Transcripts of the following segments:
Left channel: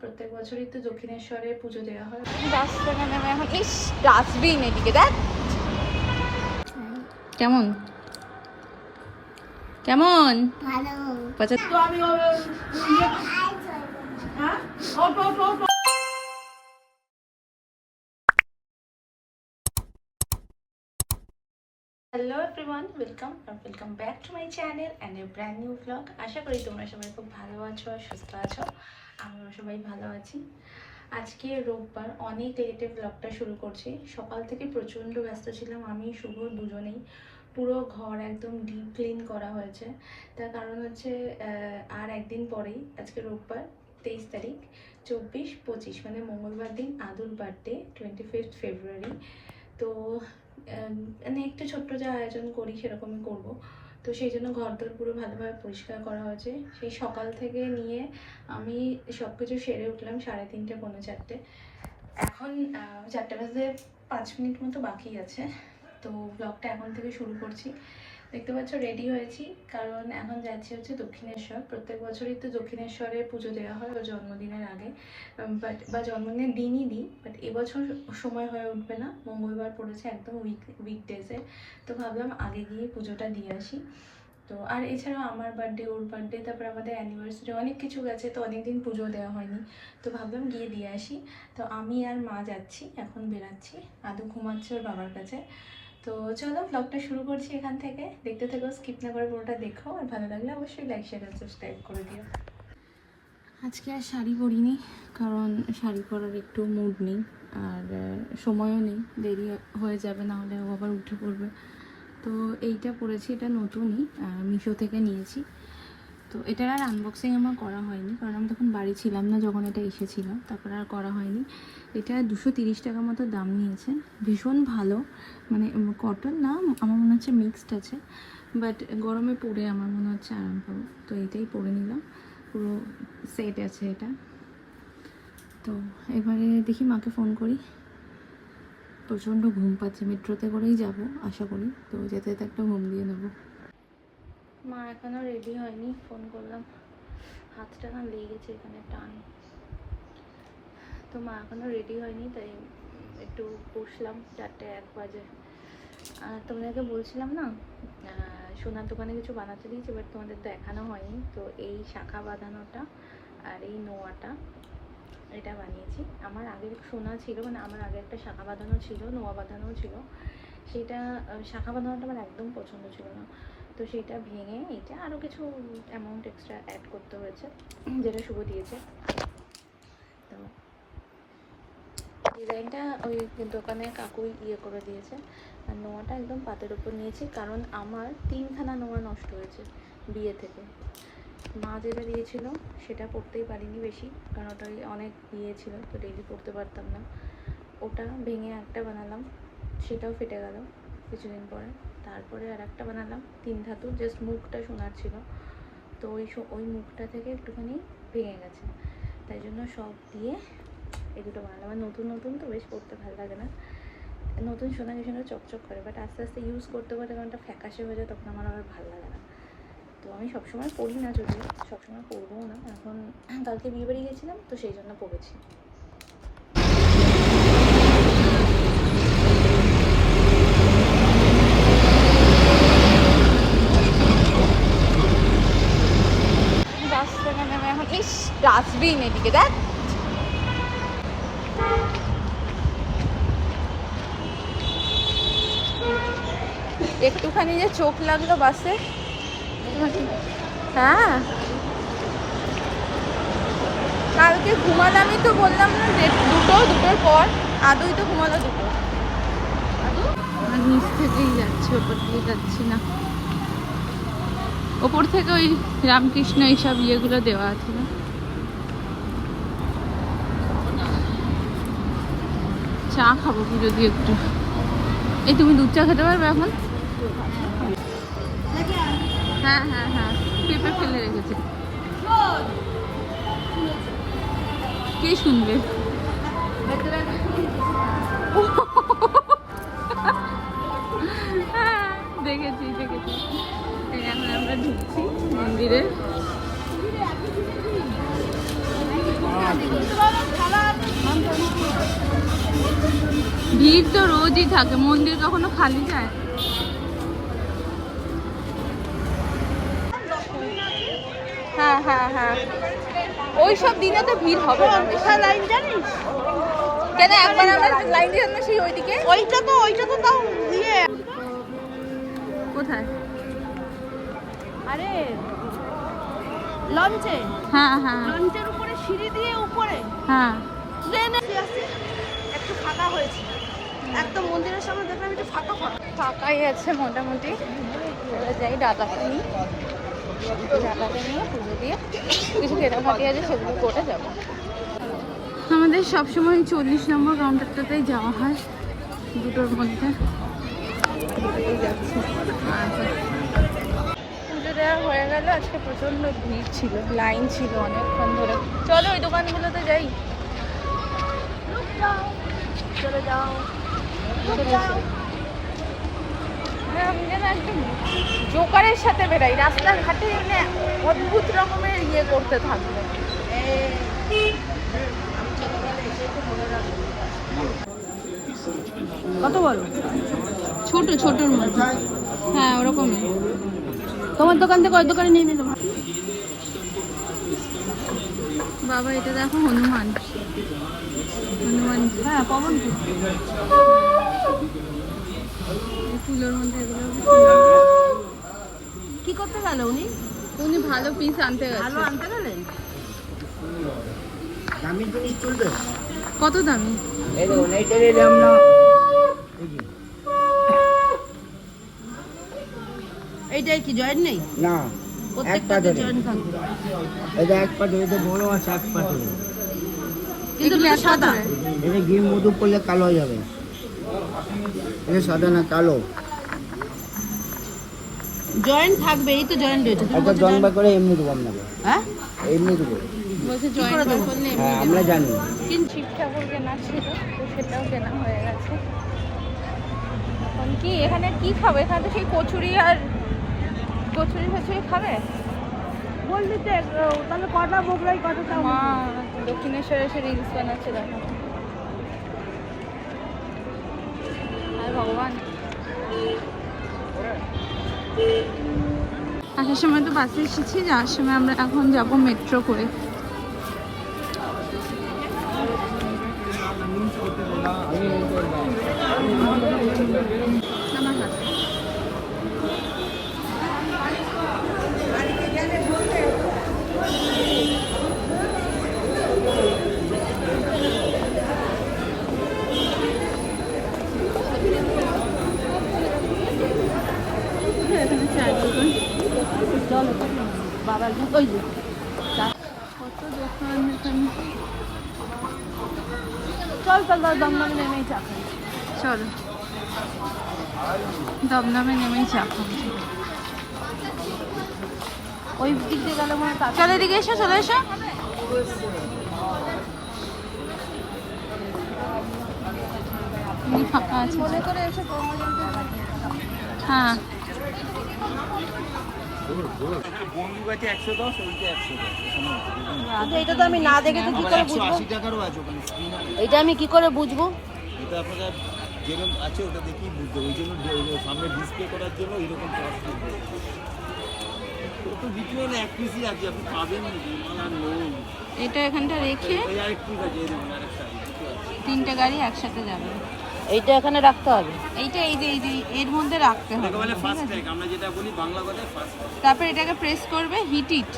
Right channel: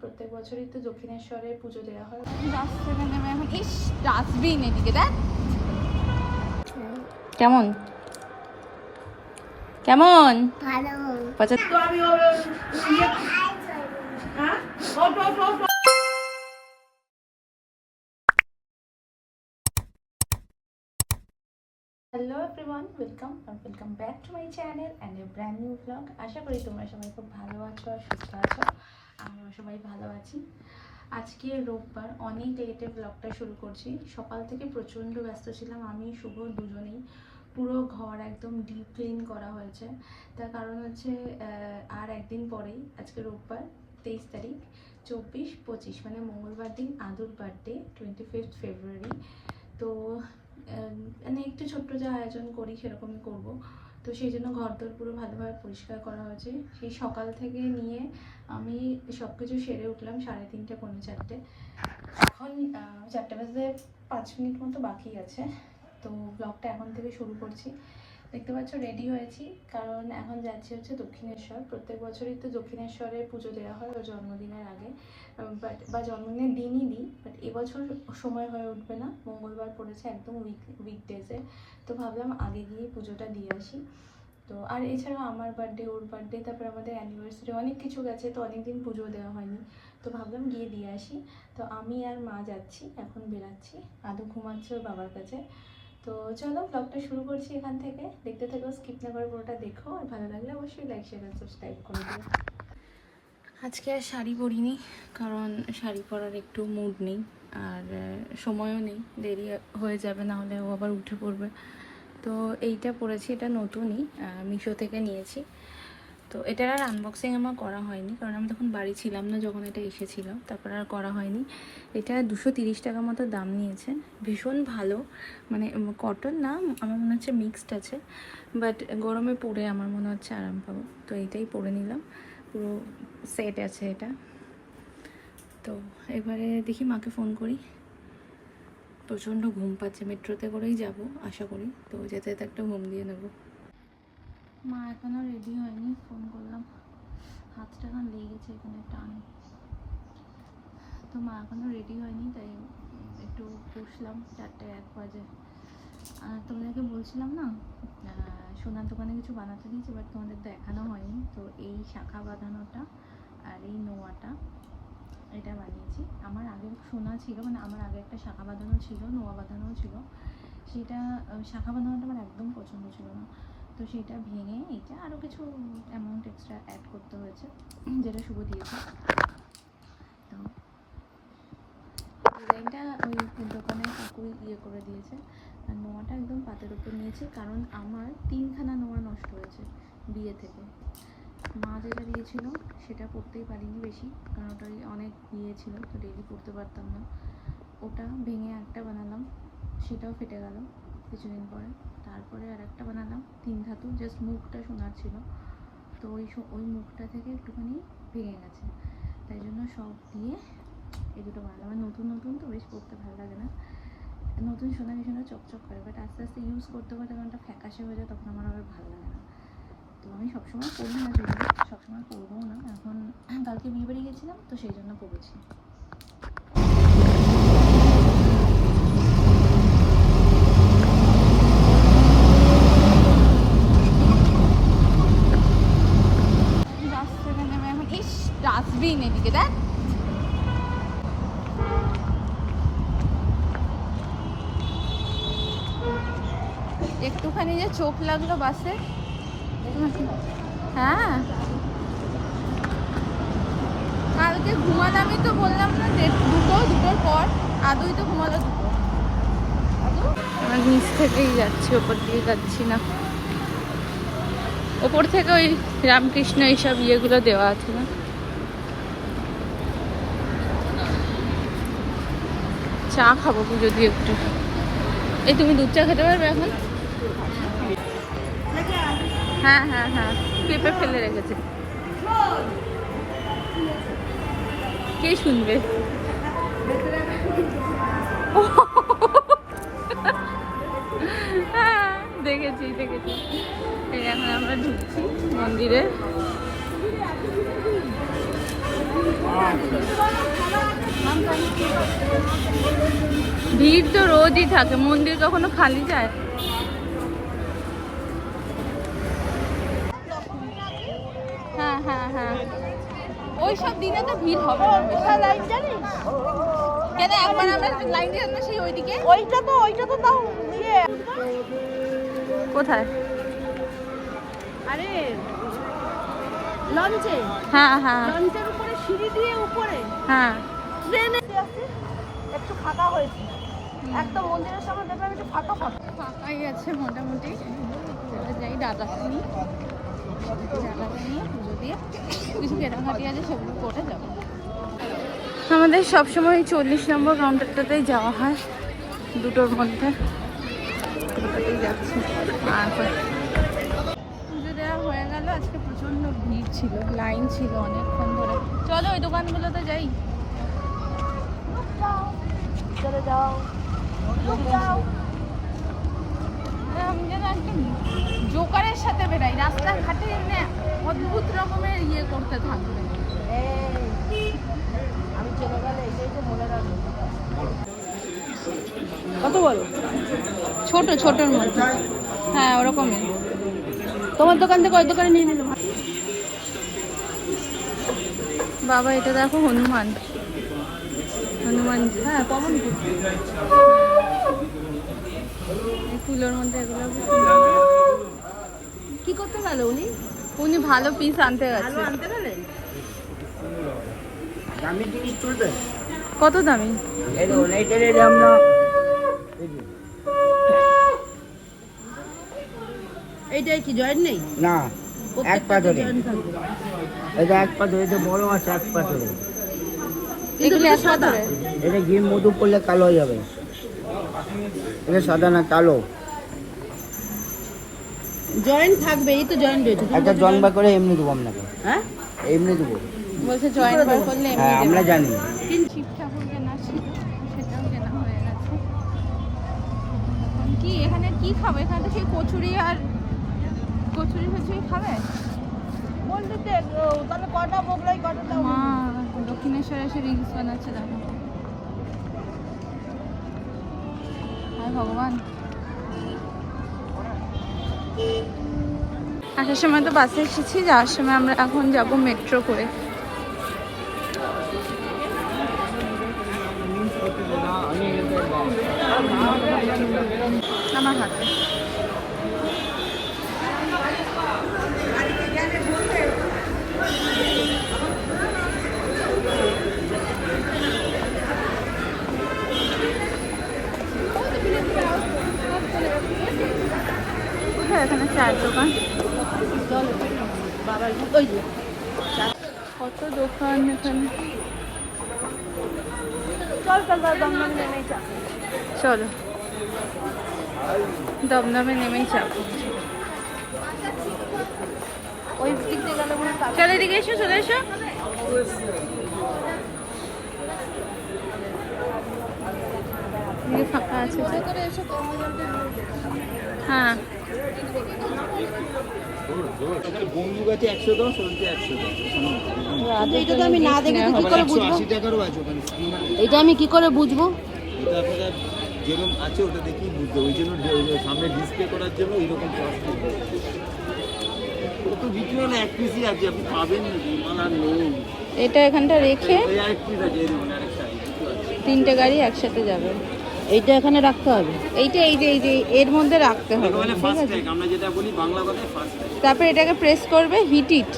প্রত্যেক বছরই তো দক্ষিণেশ্বরে পুজো দেওয়া হয়। বাস নেমে এখন ইস ডাস্টবিন এদিকে দেখ কেমন কেমন ভালো তো আমি হ্যাঁ hello everyone welcome R welcome back to my channel and a brand new blog আশা করি তোমরা সবাই খুব ভালো আছো আর সুস্থ আছো। আমরা সবাই ভালো আছি। আজকে রোববার অনেক লেটে ব্লগটা শুরু করছি। সকাল থেকে প্রচণ্ড ব্যস্ত ছিলাম, আমি, শুভ দুজনেই। পুরো ঘর একদম ডিপ ক্লিন করা হয়েছে। তার কারণ হচ্ছে আর একদিন পরেই, আজকে রোববার, তেইশ তারিখ, চব্বিশ, পঁচিশ মানে মঙ্গলবার দিন, আদুর বার্থডে টোয়েন্টি ফিফথ ফেব্রুয়ারি তো মানে একটু ছোট্ট যা আয়োজন করি, সেরকমই করব। তো সেই জন্য ঘরদোর পুরো ভালোভাবে পরিষ্কার করা হয়েছে। সেই সকাল থেকে নিয়ে আমি সব কিছু সেরে উঠলাম সাড়ে তিনটে, পৌনে চারটে। এখন চারটে বাজে পাঁচ মিনিট মতো বাকি আছে। তো ব্লগটা এখন থেকে শুরু করছি। দেখতে পাচ্ছ রেডি হয়েছি। কারণ এখন যাচ্ছি হচ্ছে দক্ষিণেশ্বর। প্রত্যেক বছরই তো দক্ষিণেশ্বরে পুজো দেওয়া হয়, ওর জন্মদিনের আগে। বাট বা জন্মদিনের দিনই দিই বাট এবছর সময় হয়ে উঠবে না। মঙ্গলবার পড়েছে একদম উইক উইকডেজে তো ভাবলাম আগে গিয়ে পুজোটা দিয়ে আসি। তো, আর এছাড়াও আমার বার্থডে ওর বার্থডে তারপর আমাদের অ্যানিভার্সারি অনেক কিছু গেছে, তো অনেক দিন পুজো দেওয়া হয়নি। তো ভাবলাম গিয়ে দিয়ে আসি। তো আমি আর মা যাচ্ছি, এখন বেরাচ্ছি। আদু ঘুমাচ্ছে ওর বাবার কাছে। তো চলো ব্লগটা শুরু করছি এখান থেকে। দেখতে থাকো স্কিপ না করে পুরোটা দেখো। আর ভালো লাগলে অবশ্যই লাইক শেয়ার আর সাবস্ক্রাইব করে দিও। আজকে আর শাড়ি পরিনি, কারণ শাড়ি পরার একটু মুড নেই, আর সময়ও নেই। দেরি হয়ে যাবে, না হলে ও আবার উঠে পড়বে। তো এইটা পরেছি, এটা নতুনই মিশো থেকে নিয়েছি। তো এটার আর আনবক্সিং আমার করা হয়নি, কারণ আমি তখন বাড়ি ছিলাম না যখন এটা এসেছিল, তারপর আর করা হয়নি। এটা দুশো তিরিশ টাকা মতো দাম নিয়েছে, ভীষণ ভালো। মানে কটন না, আমার মনে হচ্ছে মিক্সড আছে বাট গরমে পরে আমার মনে হচ্ছে আরাম পাবো। তো এইটাই পরে নিলাম, পুরো সেট আছে এটা। তো এবারে দেখি মাকে ফোন করি। প্রচণ্ড ঘুম পাচ্ছে, মেট্রোতে করেই যাব, আশা করি। তো যেতে যেতে একটা ঘুম দিয়ে নেব। মা এখনও রেডি হয়নি ফোন করলাম। হাতটা এখন লেগে গেছে এখানে টান। তো মা এখনও রেডি হয়নি, তাই একটু বসলাম চারটে এক বাজে। আর তোমাদেরকে বলছিলাম না সোনার দোকানে কিছু বানাতে দিয়েছি বাট তোমাদের দেখানো হয়নি। তো এই শাখা বাঁধানোটা আর এই নোয়াটা, এটা বানিয়েছি। আমার আগের সোনা ছিল মানে আমার আগে একটা শাখা বাঁধানো ছিল, নোয়া বাঁধানোও ছিল। সেটা শাখা বাঁধানোটা আমার একদম পছন্দ ছিল না। তো সেটা ভেঙে এটা আরও কিছু অ্যামাউন্ট এক্সট্রা অ্যাড করতে হয়েছে, যেটা শুভ দিয়েছে। তো ডিজাইনটা ওই দোকানে কাকুই ইয়ে করে দিয়েছে, আর নোয়াটা একদম পাতের ওপর নিয়েছি, কারণ আমার তিনখানা নোয়া নষ্ট হয়েছে বিয়ে থেকে। মা যেটা দিয়েছিল সেটা পড়তেই পারিনি বেশি, কারণ ওটা অনেক ইয়ে ছিল, তো ডেলি পড়তে পারতাম না। ওটা ভেঙে একটা বানালাম, সেটাও ফেটে গেল কিছুদিন পরে। তারপরে আর একটা বানালাম, তিন ধাতু জাস্ট মুখটা সোনার ছিল। তো ওই ওই মুখটা থেকে একটুখানি ভেঙে গেছে। তাই জন্য সব দিয়ে এই দুটো বানালাম। আর নতুন নতুন তো বেশ পড়তে ভালো লাগে না। নতুন সোনা কি সুন্দর চকচক করে বাট আস্তে আস্তে ইউজ করতে করতে একটা ফ্যাকাশে হয়ে যায়, তখন আমার আবার ভালো লাগে না। তো আমি সবসময় পড়ি না যদিও, সবসময় পরবও না। এখন কালকে বিয়ে বাড়ি গেছিলাম, তো সেই জন্য পড়েছি বাস থেকে নেমে এখন ইস ডাস্টবিন এদিকে দেখ। একটুখানি যে চোখ লাগল বাসে। হ্যাঁ। কালকে ঘুমালামই তো বললাম না দুটো, দুটোর পর আদৌ তো ঘুমালো দুটো। নিচ থেকেই যাচ্ছি, ওপর দিয়ে যাচ্ছি না। ওপর থেকে ওই রামকৃষ্ণ এইসব ইয়েগুলো দেওয়া আছে না? চা খাব পুজো দিয়ে একটু। এই তুমি দুধ চা খেতে পারবে এখন? হ্যাঁ হ্যাঁ হ্যাঁ পেঁপে ফেলে রেখেছে। কে শুনবে? হ্যাঁ, দেখেছি দেখেছি। এখন আমরা ঢুকছি মন্দিরে। ভিড় তো রোজই থাকে মন্দির কখনো খালি যায়? হ্যাঁ হ্যাঁ হ্যাঁ। ওই সব দিনে তো ভিড় হবে না। কেন একবার আমরা লাইন দিয়ে না সেই ওইদিকে? ওইটা তো ওইটা তো তাও ইয়ে। কোথায়? আরে লঞ্চে। হ্যাঁ হ্যাঁ। লঞ্চের উপরে সিঁড়ি দিয়ে উপরে। হ্যাঁ। ট্রেনে একটু ফাঁকা হয়েছে। একদম মন্দিরের সামনে দেখলাম একটু ফাঁকা ফাঁকা। ফাঁকাই আছে মোটামুটি। এবার যাই ডাটাকে নিই। ডাটাকে নিয়ে পুজো দিয়ে কিছু কেনাকাটি আছে সেগুলো করে যাব। আমাদের সবসময় চল্লিশ নম্বর কাউন্টারটাতেই যাওয়া হয় দুটোর মধ্যে। পুজো দেওয়া হয়ে গেল, আজকে প্রচণ্ড ভিড় ছিল, লাইন ছিল অনেকক্ষণ ধরে। চলো ওই দোকানগুলোতে যাই। যাও জোকারের সাথে বেরাই রাস্তাঘাটে এনে অদ্ভুত রকমের ইয়ে করতে থাকবে। কত বড়? ছোট ছোটর মধ্যে। হ্যাঁ ওরকমই। তোমার দোকান থেকে ওই দোকানে নিয়ে নিল। বাবা এটা দেখো হনুমান। হনুমান হ্যাঁ পবন এই ফুলের মধ্যে এগুলো কি করতে গেল উনি? উনি ভালো পিস আনতে গেছে। আনতে গেলেন? দামি জিনিস তুলবে কত দামি? এইটাই কি জয়েন নেই? না প্রত্যেকটা পাথরে জয়েন থাকবে। এটা এক পাথরে এটা বড় আছে এক পাথরে এগুলো এটা এক পাথরে? এটা ঘি মধু করলে কালো হয়ে যাবে। এটা সাদা না কালো? জয়েন থাকবে এই তো জয়েন রয়েছে। তুমি একটা বলছো বা করে এমনি দেবো আপনাকে। হ্যাঁ? এমনি দেবো। বলছে জয়েন বার করলে এমনি হ্যাঁ, দেবে। আমরা জানি। কিন্তু শিব ঠাকুর কেনা ছিল তো সেটাও কেনা হয়ে গেছে। এখন কি এখানে কি খাবে? এখানে তো সেই কচুরি আর কচুরি ফচুরি খাবে? বললি তো তাহলে কটা মোগলাই কটা মা দক্ষিণেশ্বরে এসে রিলস বানাচ্ছে, দেখো। আর ভগবান। আসার সময় তো বাসে এসেছি, যাওয়ার সময় আমরা এখন যাব মেট্রো করে। চল। দমদম নেমেই চাপ ওই দিক দিয়ে গেলে চলো এদিকে এসো চলে এসো। ফাঁকা আছে। হ্যাঁ। এটা আমি দেখে কি করে বুঝব? এটা আপনারা যেরকম আছে ওটা দেখেই বুঝতে ওই জন্য সামনে ডিসপ্লে করার জন্য ওই রকম তো বিক্রি হলে এক পিসই আছে আপনি পাবেন মাল নেই। এটা এখানটা রেখে পিস তিনটে গাড়ি একসাথে যাবে। এইটা এখানে রাখতে হবে। এইটা এই যে এই যে এর মধ্যে রাখতে হবে। মানে ঠিক আছে? আমরা যেটা বলি বাংলা কথায় ফার্স্ট তারপর এটাকে প্রেস করবে হিট ইট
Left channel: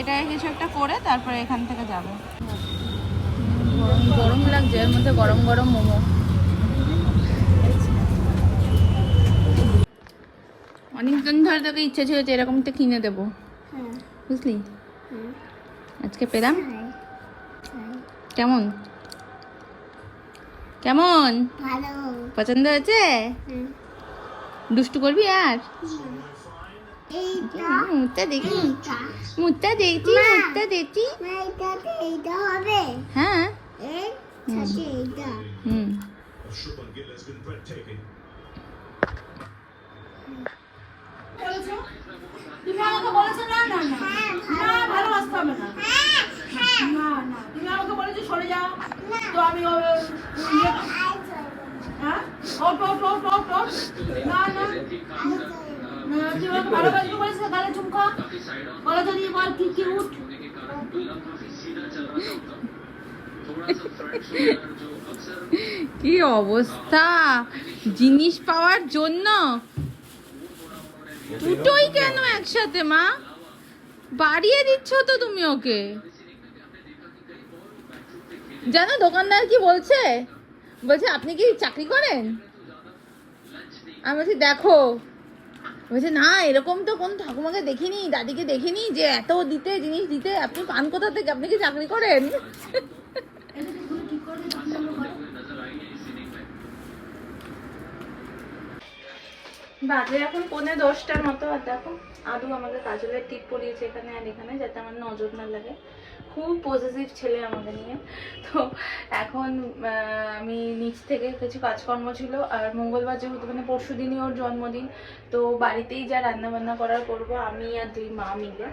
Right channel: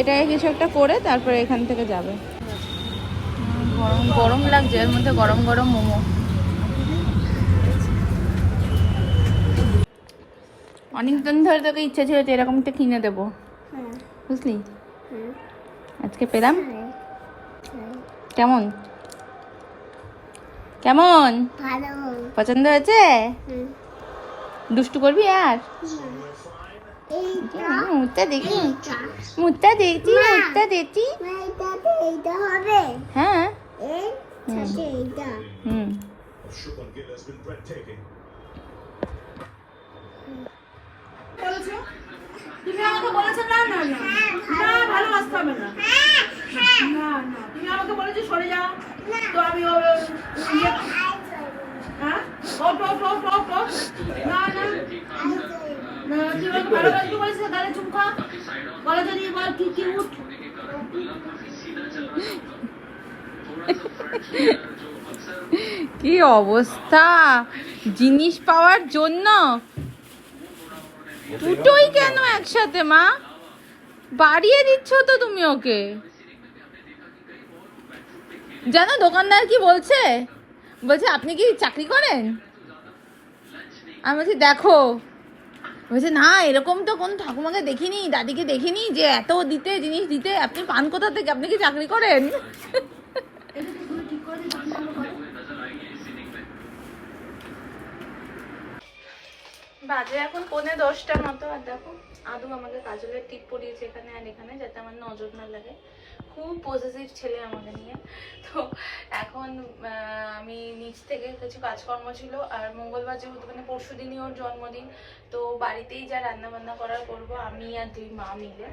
এটাকে কিছু একটা করে তারপরে এখান থেকে যাবে। গরম গরম লাগছে এর মধ্যে গরম গরম মোমো। অনেকদিন ধরে তোকে ইচ্ছে ছিল যে এরকম একটা কিনে দেবো। বুঝলি? আজকে পেলাম। কেমন? কেমন? ভালো। পছন্দ হয়েছে? দুষ্টু করবি আর? এইটা মুখটা দেখি। মুখটা দেখছি মুখটা দেখছি হ্যাঁ। হুম। না না না। না ভালোবাসতে হবে। না তুমি আমাকে বলেছ সরে যাও তো আমি ও- ও- ইয়ে- হ্যাঁ ওট ওট ওট ওট ওট না না না, তুই ওর ভালো কাজ করিস না গালে চুমকা গলা ধরিয়ে বল কি কি উঠ কি অবস্থা জিনিস পাওয়ার জন্য দুটোই কেন একসাথে মা বাড়িয়ে দিচ্ছ তো তুমি ওকে জানো, দোকানদার কি বলছে? বলছে, আপনি কি চাকরি করেন? আমি বলছি, দেখো। বলছে, না, এরকম তো কোন ঠাকুমাকে দেখিনি, দাদিকে দেখিনি যে এত দিতে, জিনিস দিতে, আপনি পান কোথা থেকে? আপনি কি চাকরি করেন? বাজে এখন পৌনে দশটার মতো, আর দেখো, আদু আমাকে কাজলের টিপ পরিয়েছে এখানে আর এখানে, যাতে আমার নজর না লাগে। খুব পজিটিভ ছেলে আমাদের নিয়ে। তো এখন আমি নিচ থেকে কিছু কাজকর্ম ছিল। আর মঙ্গলবার যেহেতু মানে পরশু দিনই ওর জন্মদিন, তো বাড়িতেই যা রান্না বান্না করার করব, আমি আর দুই মা মিলে।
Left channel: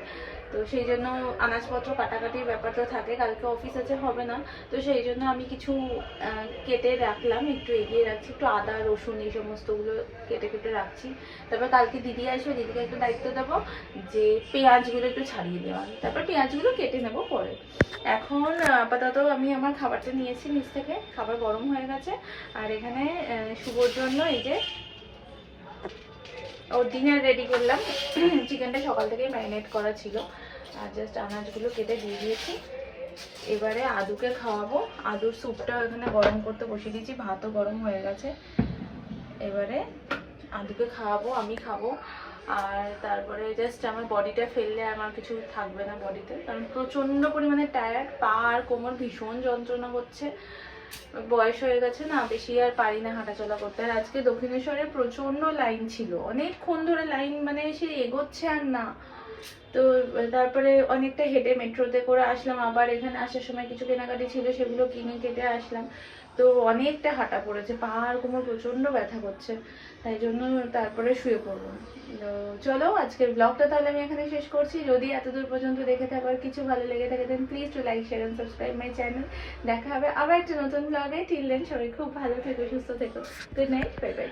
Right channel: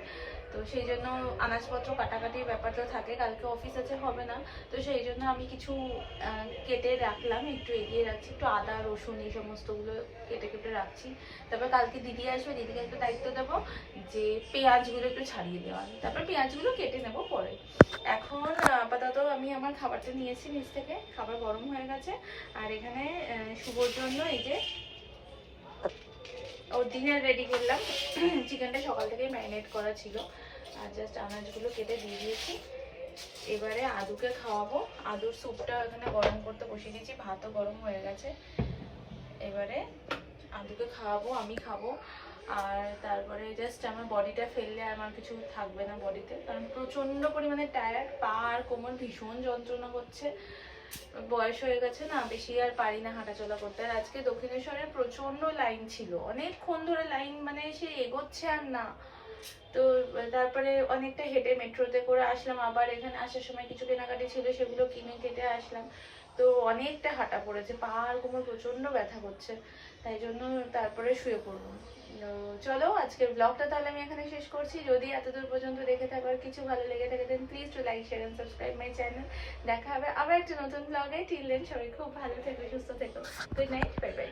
তো সেই জন্য আনাজপত্র কাটাকাটির ব্যাপারটা থাকে, কালকে অফিস আছে, হবে না। তো সেই জন্য আমি কিছু কেটে রাখলাম, একটু এগিয়ে রাখছি, একটু আদা, রসুন এই সমস্তগুলো কেটে কেটে রাখছি। তারপর কালকে দিদি আসবে, দিদিকে একটু দায়িত্ব দেবো যে পেঁয়াজগুলো একটু ছাড়িয়ে দেওয়া তারপর পেঁয়াজগুলো কেটে নেব পরে। এখন, আপাতত আমি আমার খাবারটা নিয়েছি নিচ থেকে, খাবার গরম হয়ে গেছে। আর এখানে শুভর জন্য এই যে, ওর ডিনার রেডি করলাম। চিকেনটা সকাল থেকেই ম্যারিনেট করা ছিল। আর জাস্ট আনাজগুলো কেটে দিয়ে দিয়েছি। এবারে আদুকে খাওয়াবো। আদুর স্যুপটা এখানে গরম করতে বসিয়ে দিয়েছি, ভাতও গরম হয়ে গেছে। এবারে আদুকে খাওয়াবো, আমি খাব। আর তারপরে জাস্ট আমার বডিটা ফেললে আমার কিছু থাকবে না বডিতে। কারণ প্রচণ্ড পরিমাণে টায়ার্ড পা আর কোমর ভীষণ যন্ত্রণা করছে বয়স হয়ে গেছে না, বেশি আর পারি না হাঁটাচলা করতে। আর আজকে দক্ষিণেশ্বরে প্রচণ্ড লাইন ছিল। অনেকক্ষণ ধরে লাইন মানে সে এগোচ্ছে আর না। তো তারপরে অনেকটা হেঁটে মেট্রোতে করে আসলাম। আবার এখানে আসার সময় কিছু কেনাকাটি ছিল, সেগুলো কিনে কেটে আসলাম। তো অনেকটা হাঁটা পড়েছে, পা আর কোমর প্রচণ্ড ব্যথা করছে, তাই জন্য তারপরে শুয়ে পড়ব। চলো, আজকের ব্লগটা তাহলে আমি এখানে শেষ করছি। যদি এতদূর পর্যন্ত দেখে থাকার কিছু ভালো লেগে থাকে then please to like share and subscribe my channel দেখা হবে আবার একটা নতুন ব্লগে টিল দেন সবাই খুব ভালো থেকো, সুস্থ থেকো। Good night bye bye